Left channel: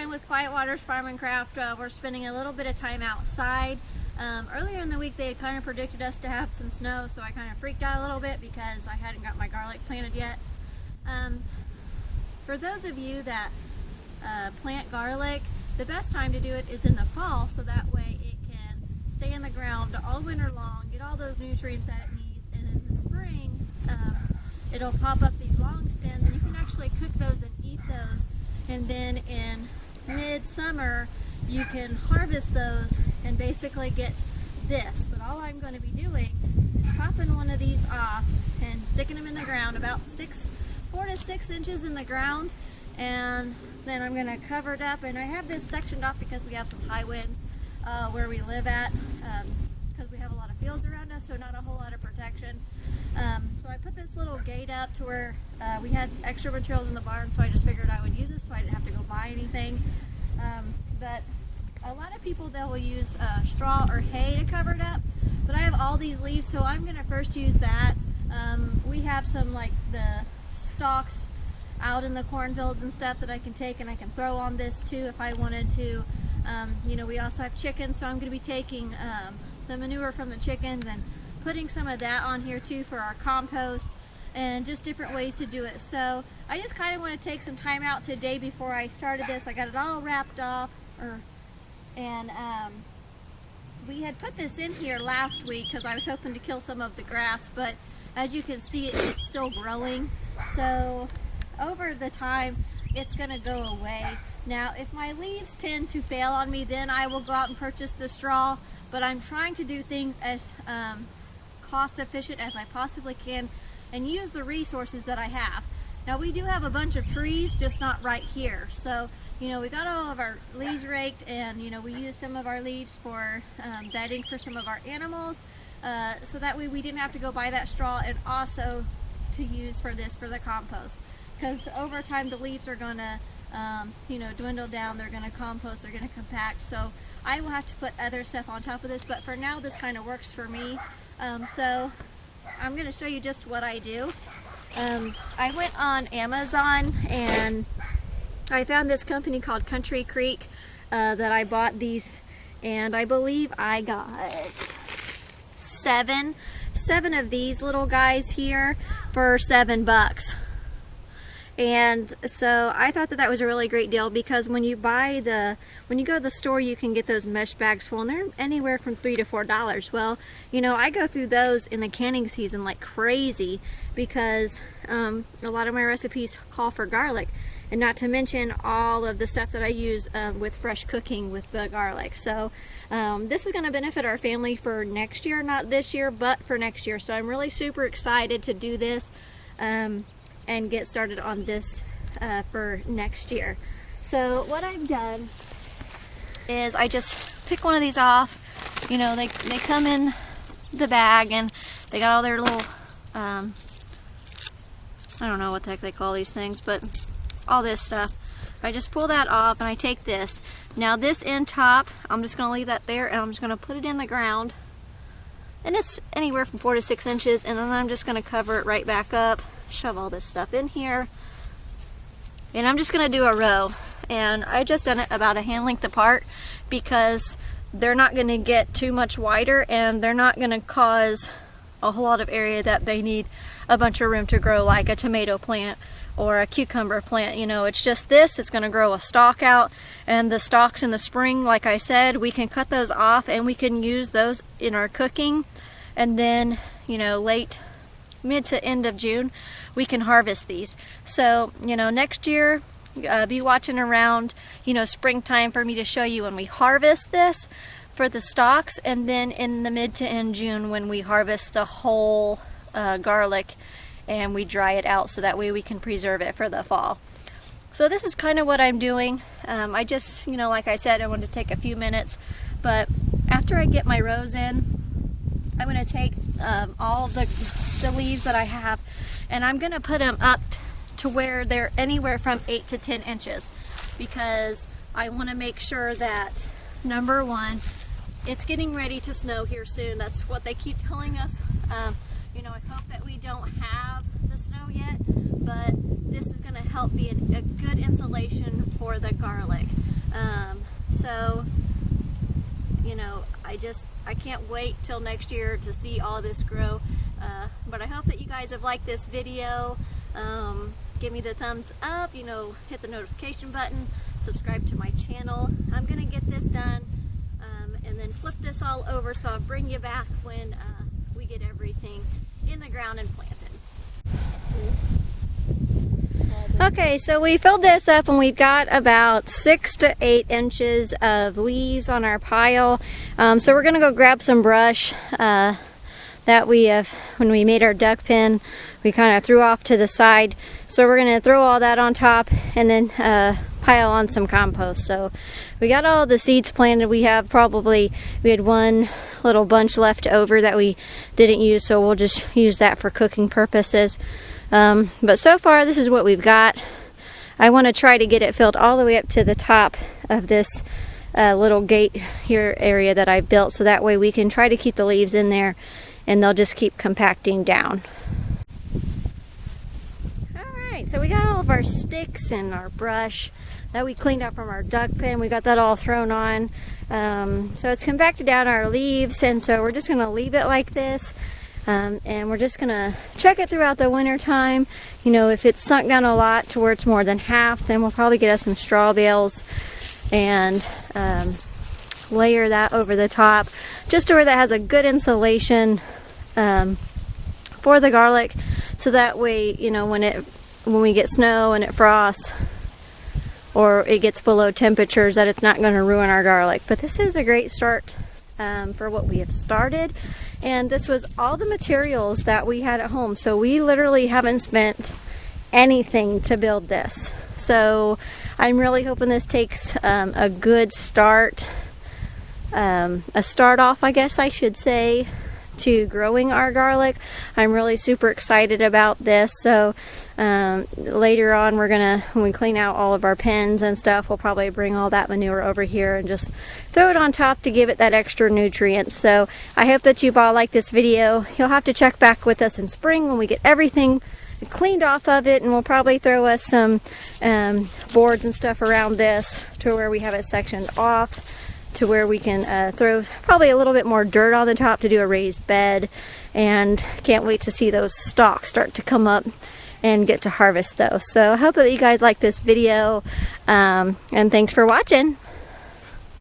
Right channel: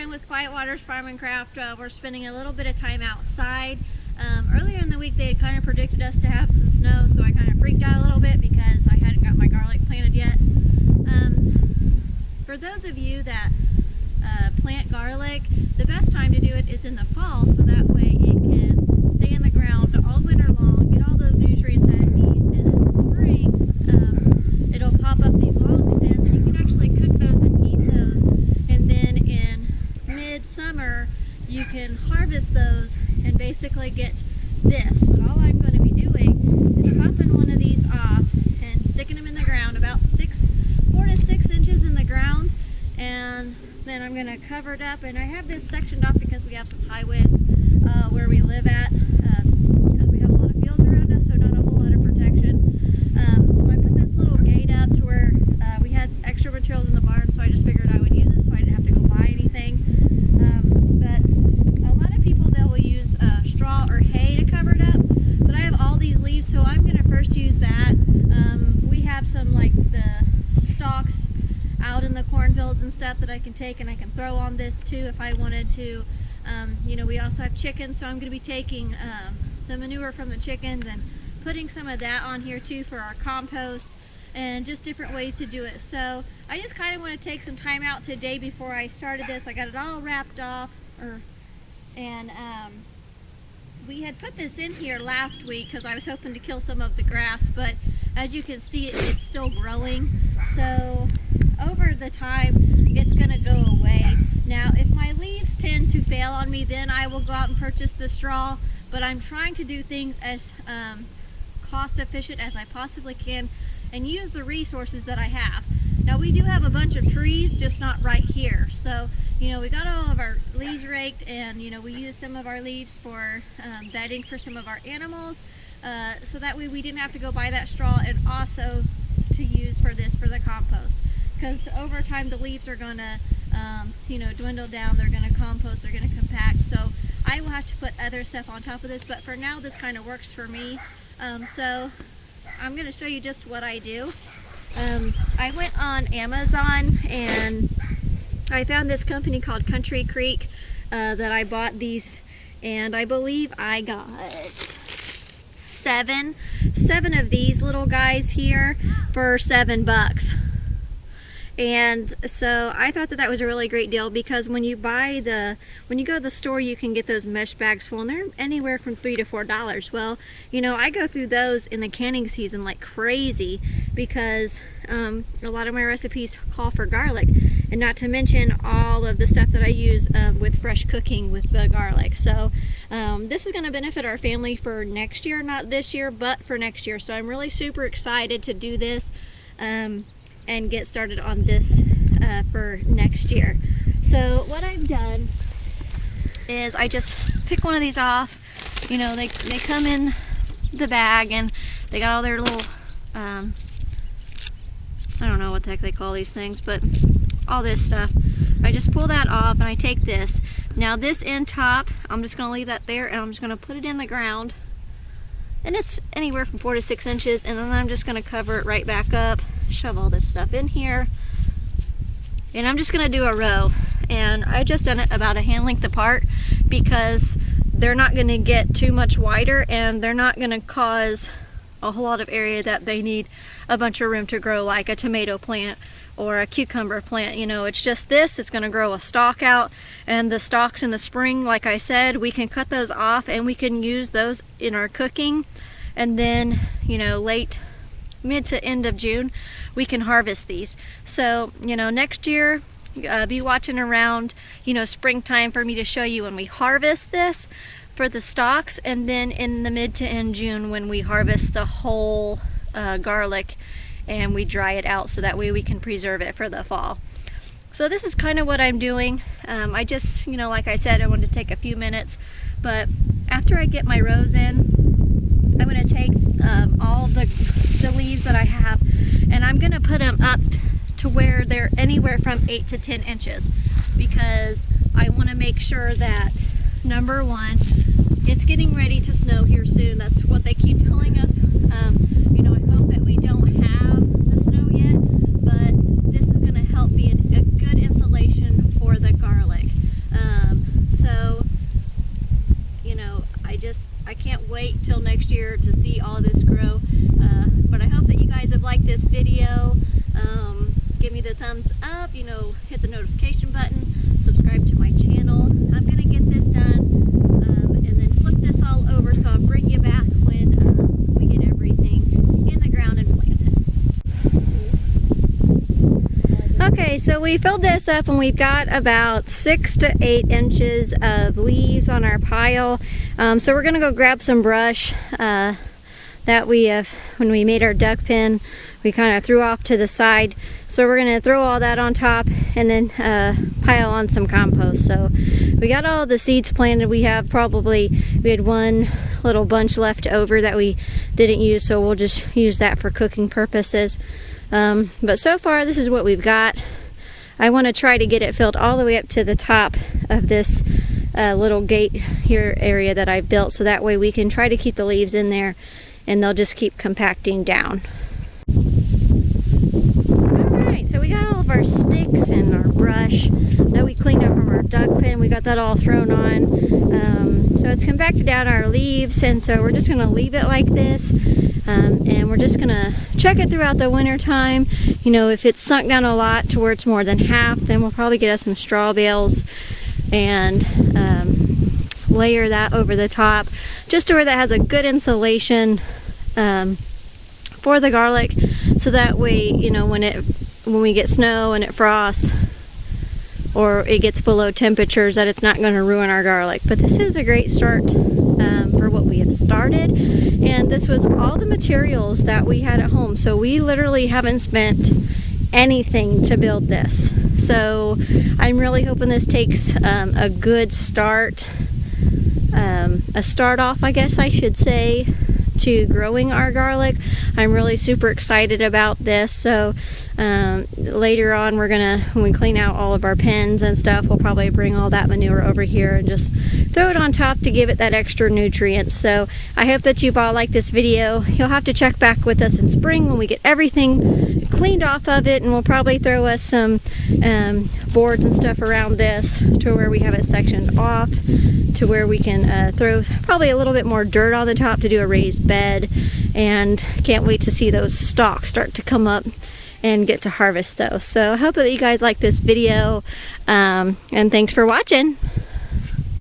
Brian with Quiet Waters Farm and Craft. We're spending a little bit of time outside. Earlier in the week they had kind of predicted us to have some snow, so I kind of freaked out a little bit because I hadn't got my garlic planted yet. For those of you that plant garlic, the best time to do it is in the fall, so that way it can stay in the ground all winter long, get all those nutrients that it needs, and in the spring it'll pop up these long stems and you can actually cook those and eat those. And then in mid-summer you can harvest those and basically get this. But all I'm going to be doing is popping one of these off and sticking them in the ground about 4 to 6 inches in the ground, and then I'm going to cover it up. And I have this sectioned off because we have some high winds where we live at, because we have a lot of fields around us, so not a whole lot of protection. So I put this little gate up to where we had extra materials in the barn, so I just figured I would use it so I didn't have to go buy anything. But a lot of people, they will use straw or hay to cover it up, but I have all these leaves, so I'm going to first use that. We have some like the stalks out in the cornfields and stuff that I can take and I can throw on this too if I wanted to. You know, we also have chickens, so I'm going to be taking the manure from the chickens and putting some of that on here too for our compost, and just different ways to do it. So I just kind of want to take some time out today before I started this. I got it all wrapped off, and we had put this in here last week because I was hoping to kill some of the grass, but as you can see it's still growing, so over the time it's gonna go away. Now if my leaves tend to fail on me, then I will go out and purchase the straw, but I'm trying to do things as cost efficient as I possibly can and use the resources that I have. Now we do have a bunch of trees, just not right here, so you know, we got all of our leaves raked, and you know, we use some of our leaves for bedding for some of our animals, so that way we didn't have to go buy that straw, and also to use for this for the compost, because over time the leaves are gonna you know, dwindle down, they're gonna compost, they're gonna compact, so I will have to put other stuff on top of this, but for now this kind of works for me. So I'm gonna show you just what I do. I went on Amazon and I found this company called Country Creek that I bought these, and I believe I got seven of these little guys here for $7. And so I thought that that was a really great deal, because when you go to the store, you can get those mesh bags full, and they're anywhere from $3 to $4. Well, you know, I go through those in the canning season like crazy, because a lot of my recipes call for garlic, and not to mention all of the stuff that I use with fresh cooking with the garlic. So this is going to benefit our family for next year, not this year, but for next year. So I'm really super excited to do this and get started on this for next year. So what I've done is I just pick one of these off. You know, they come in the bag and they got all their little I don't know what the heck they call these things, but all this stuff. I just pull that off and I take this. Now this end top, I'm just gonna leave that there, and I'm just gonna put it in the ground, and it's anywhere from 4 to 6 inches, and then I'm just gonna cover it right back up, shove all this stuff in here, and I'm just gonna do a row. And I just done it about a hand length apart, because they're not gonna get too much wider, and they're not gonna cause a whole lot of area that they need a bunch of room to grow, like a tomato plant or a cucumber plant. You know, it's just this, it's going to grow a stalk out, and the stalks in the spring, like I said, we can cut those off and we can use those in our cooking, and then, you know, mid to end of June we can harvest these. So, you know, next year be watching around, you know, springtime for me to show you when we harvest this for the stalks, and then in the mid to end June when we harvest the whole garlic and we dry it out, so that way we can preserve it for the fall. So this is kind of what I'm doing. I just, you know, like I said, I wanted to take a few minutes, but after I get my rows in, I'm going to take all of the leaves that I have, and I'm going to put them up to where they're anywhere from 8 to 10 inches, because I want to make sure that, number one, it's getting ready to snow here soon. That's what they keep telling us. You know, I hope that we don't have the snow yet, but this is going to help be a good insulation for the garlic. I can't wait till next year to see all this grow. But I hope that you guys have liked this video. Give me the thumbs up, you know, hit the notification button, subscribe to my channel. I'm gonna get this done and then flip this all over, so I'll bring you back when we get everything in the ground and planted. Okay, so we filled this up and we've got about 6 to 8 inches of leaves on our pile. So we're gonna go grab some brush that we have, when we made our duck pen, we kind of threw off to the side. So we're gonna throw all that on top and then pile on some compost. So we got all the seeds planted. We had one little bunch left over that we didn't use, so we'll just use that for cooking purposes. But so far this is what we've got. I want to try to get it filled all the way up to the top of this little gate here area that I built, so that way we can try to keep the leaves in there and they'll just keep compacting down. Alright, so we got all of our sticks and our brush that we cleaned up from our duck pen. We got that all thrown on. So it's compacted down our leaves, and so we're just going to leave it like this. And we're just gonna check it throughout the winter time. You know, if it's sunk down a lot to where it's more than half, then we'll probably get us some straw bales and layer that over the top, just to where that has a good insulation for the garlic, so that way, you know, when we get snow and it frosts or it gets below temperatures, that it's not going to ruin our garlic. But this is a great start for what we have started, and this was all the materials that we had at home, so we literally haven't spent anything to build this. So I'm really hoping this takes a good start, a start off, I guess I should say, to growing our garlic. I'm really super excited about this. So later on, when we clean out all of our pens and stuff, we'll probably bring all that manure over here and just throw it on top to give it that extra nutrients. So I hope that you've all liked this video. You'll have to check back with us in spring when we get everything cleaned off of it, and we'll probably throw us some boards and stuff around this to where we have it sectioned off, to where we can throw probably a little bit more dirt on the top to do a raised bed. And can't wait to see those stalks start to come up and get to harvest those. So I hope that you guys like this video, and thanks for watching.